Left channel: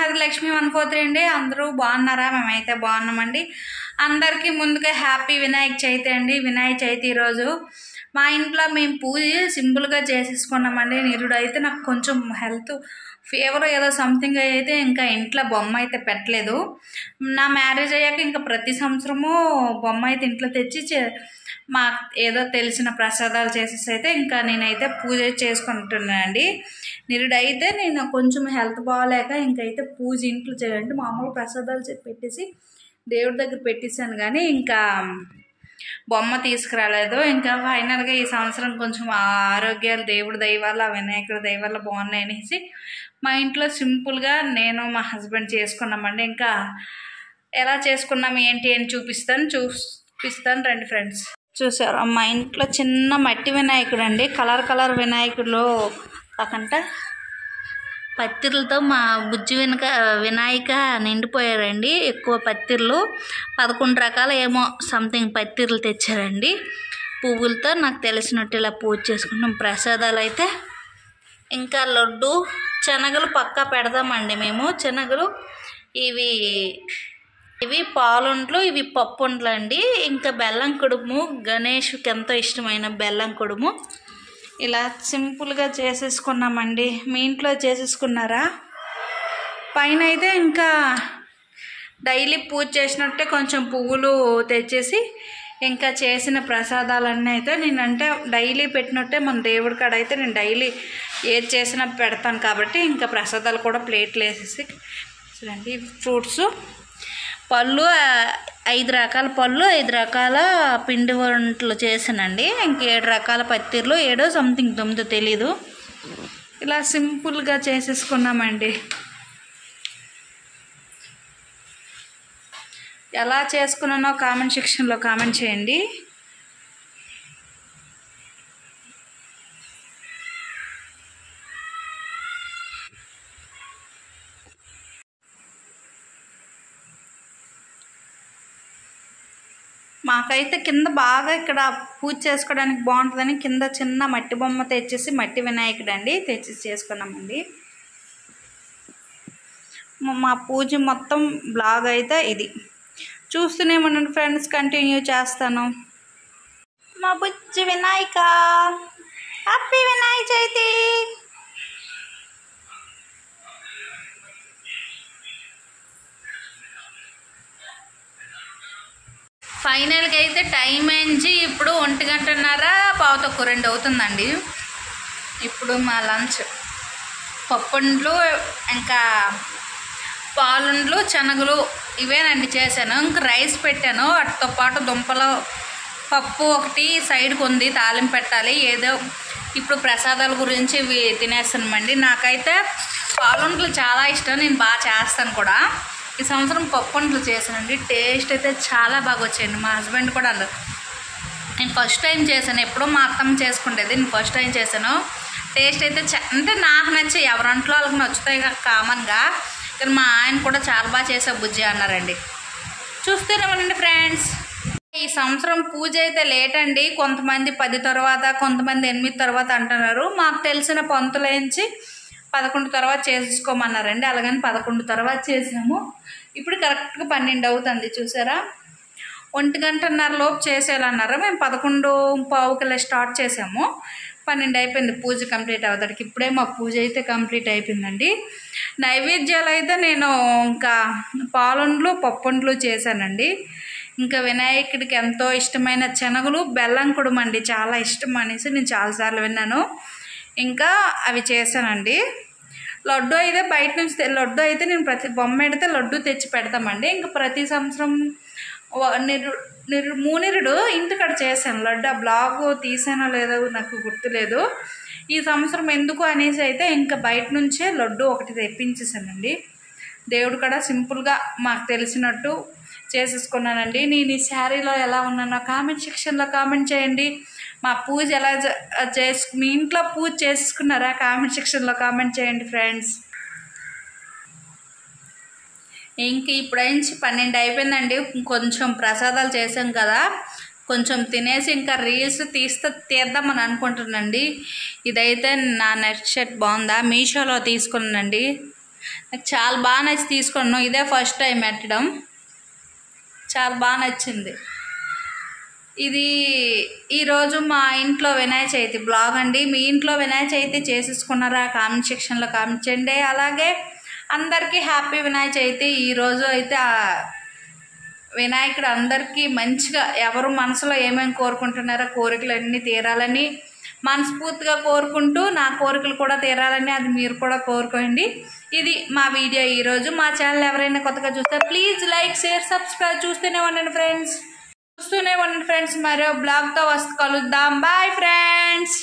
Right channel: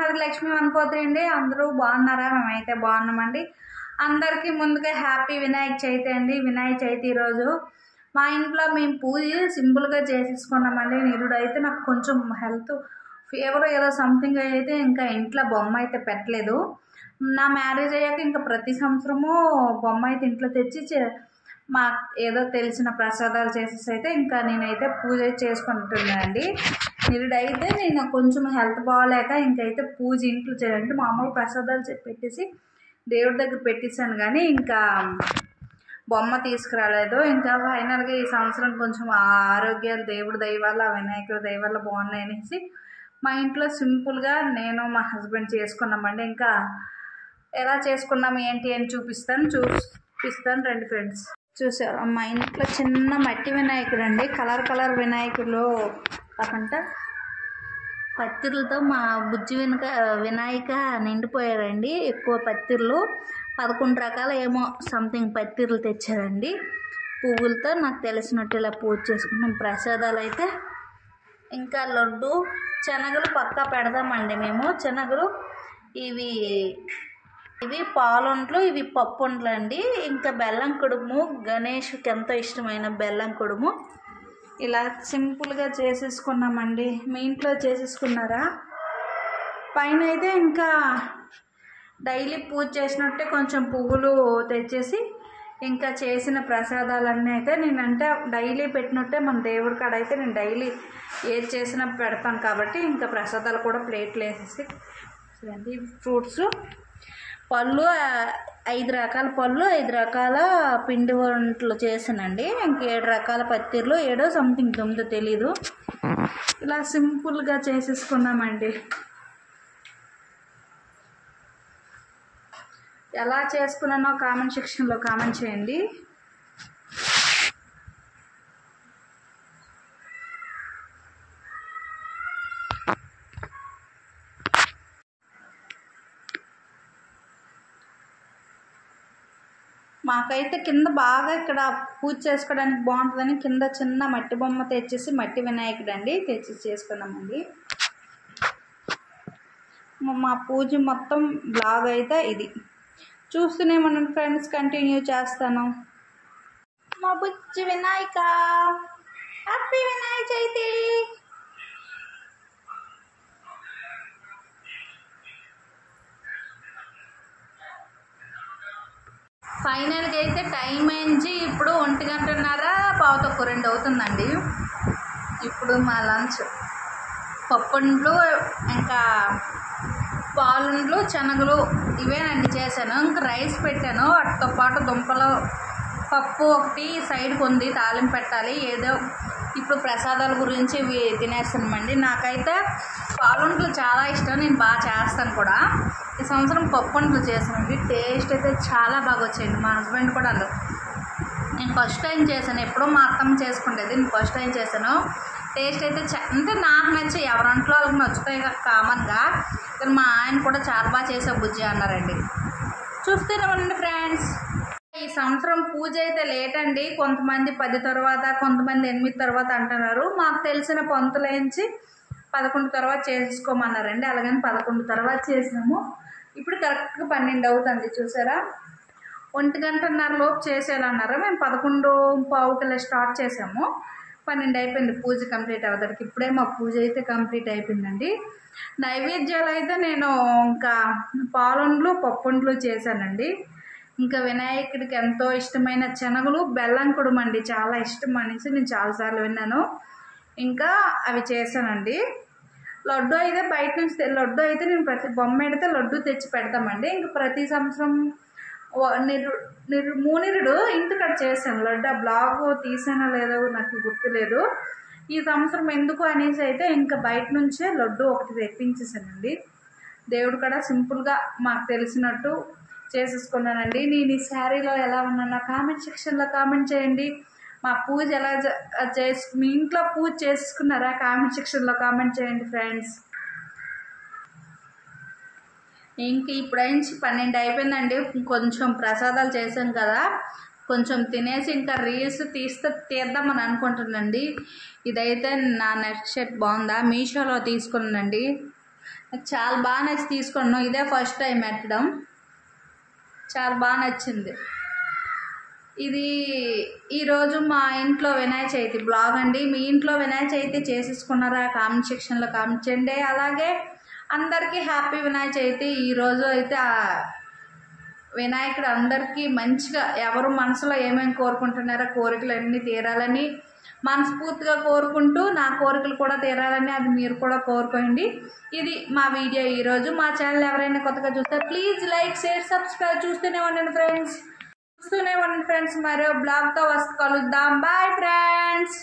మనహరి లక్ష్మి 143 అండి. అందరూ బాగున్నారా? మేమైతే బాగున్నామండి. అందరికీ ముందుగా హ్యాపీ వినాయక చవితి అండి. వినాయక చవితి ఈరోజు మా ఇంట్లో మేము పూజ సింపుల్గా చేసేసుకున్నామండి. నిరుడు అయితే నాకు కొంచెం హెల్త్ ఫీవర్ ఏదో సంథింగ్ అయితే ఇంకా ఇంట్లో బొమ్మ అయితే పెట్టలేదు. నా మ్యారేజ్ అయ్యాక ఇంకా ప్రతి సంవత్సరము బొమ్మ అయితే ఇంట్లో తెచ్చి మా ఏదో తెలిసిన ప్రసాదాలు చేసేసి అయితే ఇంకా నేనైతే పూజ చేసుకుంటున్నానండి. నిరుడైతే నేను కొంచెం హెల్త్ బాగాలేక ఇంకైతే పూజ ఇంట్లో చేయాలంటే మామూలు ప్రసాదాలు పెట్టేసి దేవుడి దగ్గర పెట్టేశాను, కానీ ఇంకా బొమ్మ తీసుకురాలేదు. ఇంకా ఫైనల్గా ఈ సంవత్సరం కొంచెం ఆరోగ్యాలు దేవుడి దయ వల్ల వినాయకుడి దయ వల్ల బాగున్నాయి అనేసి మా ఇంట్లో సింపుల్గా నేను మా హస్బెండ్ చేసుకున్నామండి. ఇంకా ఎలా చేసుకున్నాము ఏంటి అని చూపిస్తాను రండి ఫ్రెండ్స్. చూసారు మా ఇంట్లో చిన్న మట్టి వినాయకుడు అండి. కలర్ వినాయకుడు కాకుండా పత్తిర్లతో మా బుజ్జి వినాయక నిండిపోయారండి. ఎక్కువ పత్తిర్లు 11 రకాల ఏమో సంథింగ్ పత్తిర్లు తెచ్చారండి. పువ్వులతో నాకు తెలిసినట్టు ఇలా పూజ చేసుకున్నాం. ప్రసాదాలు అయితే ఇంకా లడ్డు శనగలు పక్కా పెడదామండి మేము. శనగలు ఇవి పాలుండ్లు, ఇవి పప్పుండ్లు అండి. ఇంకా బెల్లం కుడుము, గణేష్కి ఎంతో ఇష్టమైన బెల్లం కుడుము ఇలా సింపుల్గా చేసేసుకున్నామండి. మీ ఇంట్లో చేసేసుకున్నారా? పైన అయితే ఇంకా డైలీ పూజ చేసినట్టే కొంచెం పువ్వులు తెచ్చేసి ఇంకా చేసిన ప్రసాదాలన్నీ అయితే నేనంటే డైలీ పెట్టినట్టే మన దేవుడి కాడ అయితే నేను డైలీ ఏది చేసినా పెడతాను కాబట్టి ఇంకా ప్రసాదాలు కూడా ప్లేట్లు వేసేసి చూడండి. ఫ్రూట్స్ పళ్ళు 5 రకాల పళ్ళు, 5 రకాల పిండి వంటలు చేసానండి. ఇంక 7 రకాల పత్తిర్లు, 7 సంథింగ్ 9 తెలీదు. ఇలా సింపుల్గా చేసేసుకున్నామండి. ఎలా చేసుకున్నానో కామెంట్ సెక్షన్లో కామెంట్ చేయండి. మాకైతే కింద బాగా ఇక్కడ పూజ చేసుకోవడానికి బాగుంటుందని కింద చిన్న మట్టి బొమ్మ తెచ్చేసి మట్టి వినాయకుడు అండి తెచ్చేసి చేసుకున్నామండి. మా పూజ మొత్తం బ్లాగ్ అయితే ఇది చూస్తూనే ఉండండి ఫ్రెండ్స్, కంటిన్యూ చేస్తాను. మా బుజ్జి వినాయక హ్యాపీ వినాయక చవితి. ఫైనల్గా అయితే టైం అయింది. ఇప్పుడు 1:30 2 అవుతుందండి. ఇప్పుడు మా లంచ్ పప్పుండ్లు, ఇంకా పాలుండ్లు, శనగలు ఇవేనండి చేశాను. ఇంకా రైస్ పెట్టాను. వాటితో పాటు దుంపలు పప్పు ఒకటి సైడ్కి ఉంది, తాలింపు పెట్టాలి. ఏదో ఇప్పుడు ప్రసాదాల గురించి ఇవి తినేస్తామండి. నాకైతే పాలుండ్లు చాలా ఇష్టం, నేను బాగా చేస్తాను కూడా. ఈ సంవత్సరం పప్పుండ్లు చేశానండి. టేస్ట్ అయితే చాలా బాగా వచ్చాయండి. మా హస్బెండ్ కూడా అన్నారు. నేను ఫస్ట్ టైం చేశాను, ఎప్పుడో మా అత్తమ్మ చేసుకుంటేది, నేను ఫస్ట్ టైం చేశాను. టేస్ట్ అయితే అంటే నాకు నచ్చాయి. ఎవరంట్లో వాళ్ళకి నచ్చుతాయి కామన్గా, కానీ మా ఆయన కూడా చాలా బాగా చేసే బుజ్జి అన్నారండి. చూస్తూనేమండి ఫ్రెండ్స్. ఈ సంవత్సరం పూజ అయితే లేట్ అండి. కొంతమంది 10 తర్వాత, కొంతమంది 8 తర్వాత అంటున్నారు. మాకు తెలిసిన పంతులేంచి 11 తర్వాత చేసేసుకోమన్నారండి. అలాగని 11 తర్వాత చేసాము. ఇప్పుడు కరెక్ట్గా 12 అవుతుంది. చూసారా, 1:30 లోపు చేసేయాలన్నారు. మేము 11:15 స్టార్ట్ చేసాము. 12 అయిపోయింది పూజ కంప్లీట్ అవుతానికి. ఇప్పుడే మా పూజ అయితే కంప్లీట్ అయిపోయిందండి. నైవేద్యాలు అయితే నేను ఇంకా పాలుండ్లు, పప్పుండ్లు చేశానండి. ఇంకా వినాయకుడికి ఎంతో ఇష్టమైన శనగలు, బెల్లం కుడుమండి చాలా ఇష్టం అనేసి నేను చాలాసార్లు విన్నాను. ఇంకా అవి చేశానండి. లడ్డు అయితే బయట నుంచి లడ్డు అయితే నేను ప్రతి బొమ్మ ఎడితే లడ్డు తెచ్చి పెడతామండి. ఇంకా ప్రతి సంవత్సరం మూనిరుడు ఇంటికాడ చేశాను లడ్డు. ఆ బ్లాగ్ తీసానో లేదో నాకు గుర్తులేదు. ఈ సంవత్సరం ఎందుకు అనేసి అయితే ఇంకా బయట నుంచే లడ్డు ఒకటి తెప్పించేసానండి. దేవుడు కూడా సింపుల్గా మాకు తెలిసినట్టు చేసేసుకున్నానండి. నేను ఈ శారీలో ఎలా ఉన్నానో కామెంట్ సెక్షన్లో కామెంట్ చేయండి. మా పూజ ఎలా మీ ఇంట్లో పూజ చేసుకున్నారా? కామెంట్ సెక్షన్లో కామెంట్ చేయండి ఫ్రెండ్స్. ఇంక ఇప్పుడైంచి 12 అయిపోయిందండి. కొంచెం ప్రసాదాలు చేసాం కదా, కొంచెం తినేసి ఇంకా రీల్స్ తీద్దామని అనుకుంటున్నానండి. ఇదైతే నా నెట్ షర్ట్ బాగుందా, మీషోలో తీసుకున్నానండి. నాకు చాలా బాగా నచ్చి తీసుకున్నాను. ఇదే ఫస్ట్ టైం పెట్టడం, చాలా బాగా నచ్చింది. ఇది ఈరోజు మా ఇంట్లో వినాయక చవితి బ్లాగ్ అండి. మీ ఇంట్లో వినాయక చవితి చేసేసుకున్నారా? కామెంట్ సెక్షన్లో కామెంట్ చేయండి. అలాగే అందరికీ హ్యాపీ వినాయక చవితి. ఈరోజు అయితే వినాయకుడు అందరికీ మంచిగా ఎవరు మనసులో ఏమేమి కోరుకుంటున్నారో కోరికలు అన్నీ తీరాలని మనస్ఫూర్తిగా కోరుకుంటూ, నా కోరికలు కూడా తీరాలని అది మీరు కూడా కోరుకోండి. ఇది మా వీడియో ఈరోజు. మా ఛానల్ ఎవరైనా కొత్తగా చూస్తే ప్లీజ్ లైక్, షేర్, సబ్స్క్రైబ్ చూస్తూనే ఉండండి ఫ్రెండ్స్. మరో బ్లాగ్తో కలుద్దాం. Bye friends.